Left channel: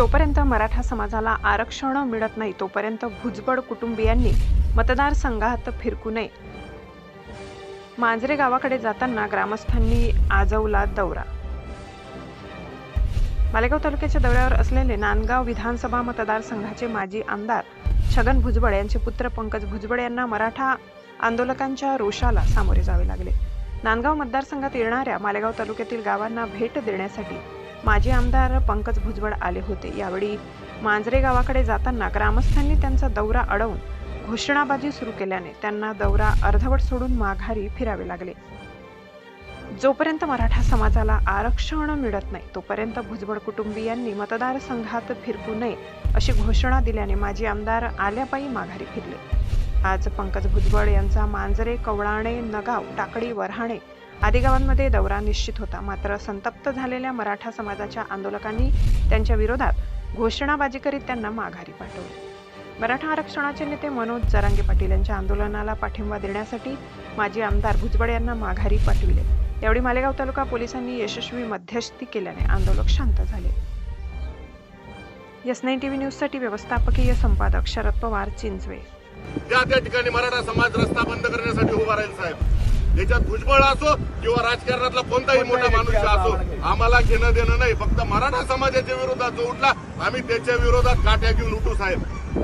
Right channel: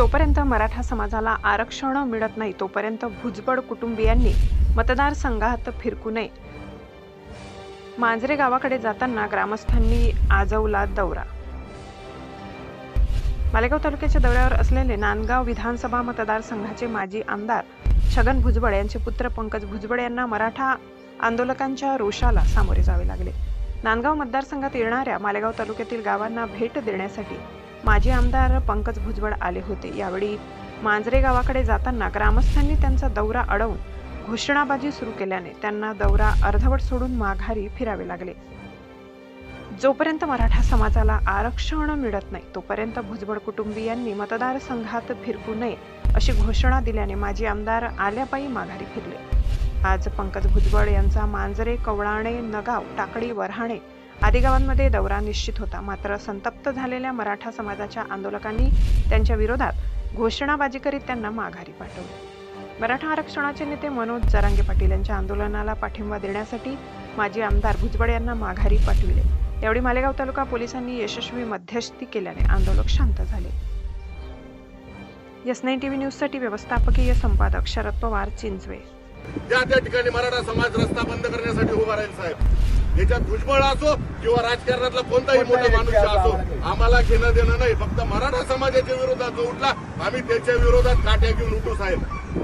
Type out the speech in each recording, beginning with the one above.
जोपर्यंत मराठा समाजाला आरक्षण मिळत नाही तोपर्यंत भुजबळ कुटुंबियांनी मतदारसंघात फिरकू नये. मांजरे गावाकडे जाताना ग्रामस्थांनी आजवला दौरा. मालेगाव तालुक्याच्या दौऱ्यावर असलेले नांदगाव विधानसभा मतदारसंघाचे माजी आमदार छगन भुजबळ यांचे पुत्र पंकज भुजबळ यांना मराठा आंदोलकांच्या रोषाला सामोरे जावे लागले. नांदगाव मतदारसंघात येणाऱ्या मालेगाव तालुक्यातील गावांना भेट देण्यासाठी माजी आमदार पंकज भुजबळ आले होते. यावेळी मांजरे गावाकडे जाताना ग्रामस्थांनी त्यांचा दौरा अडवून घोषणाबाजी सुरू केल्याने त्यांना दौरा अर्धवट सोडून माघारी फिरावे लागले. जोपर्यंत मराठा समाजाला आरक्षण मिळत नाही तोपर्यंत भुजबळ कुटुंबियांनी मतदारसंघात फिरकू नये अशी घोषणा दिल्याने माजी आमदार आल्यापायी माघारी फिरले. आज पंकज भुजबळ यांचा मांजरे कवळाणे नगाव टाकडी वऱ्हाणे आदिगावांमध्ये दौरा निश्चित होता. मात्र संतप्त झालेल्या मराठा समाजाच्या आंदोलकांनी त्यांच्या विरोधात घोषणाबाजी करीत त्यांना माघारी पाठवले. मराठा आरक्षणाचे नेते मनोज जरांगे पाटील यांच्या आंदोलनाला पाठिंबा देण्यासाठी माजी आमदार भुजबळ यांना माघारी पाठविले. यावेळी मालेगाव तालुका पोलिसांनी यशस्वी मध्यस्थी केल्याने आंदोलक शांत झाले. एस नाईन टीव्ही न्यूजसाठी व्यवस्थापकीय संपादक शरद पवार चिंचवे. त्या त्या ठिकाणी मराठा समाज रस्ता बंद करण्यासाठी उभा राहील साहेब. त्याच्यात भुजबळ असो किंवा राजकारणातला कोणताही मोठा माणूस असो आम्हाला घेणं देणं नाही. फक्त मराठा समाजाच्या विरोधात जो उठला आम्ही त्याच्या विरोधात काट्या घेऊन उठू साहेब.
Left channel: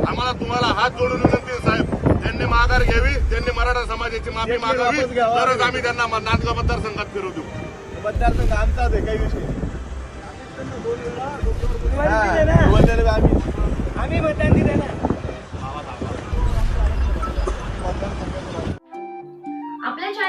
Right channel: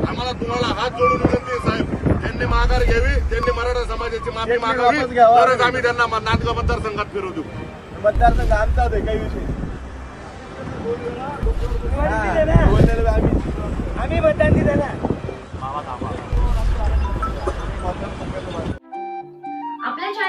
आम्हाला तुम्हाला हात जोडून विनंती साहेब. त्यांनी माघार घ्यावी त्यांनी मराठा समाजाची माफी मागावी. तरच आम्ही त्यांना नांदगाव मतदारसंघात फिरवू देऊ मतदारसंघ आमचाच आहे काही विषय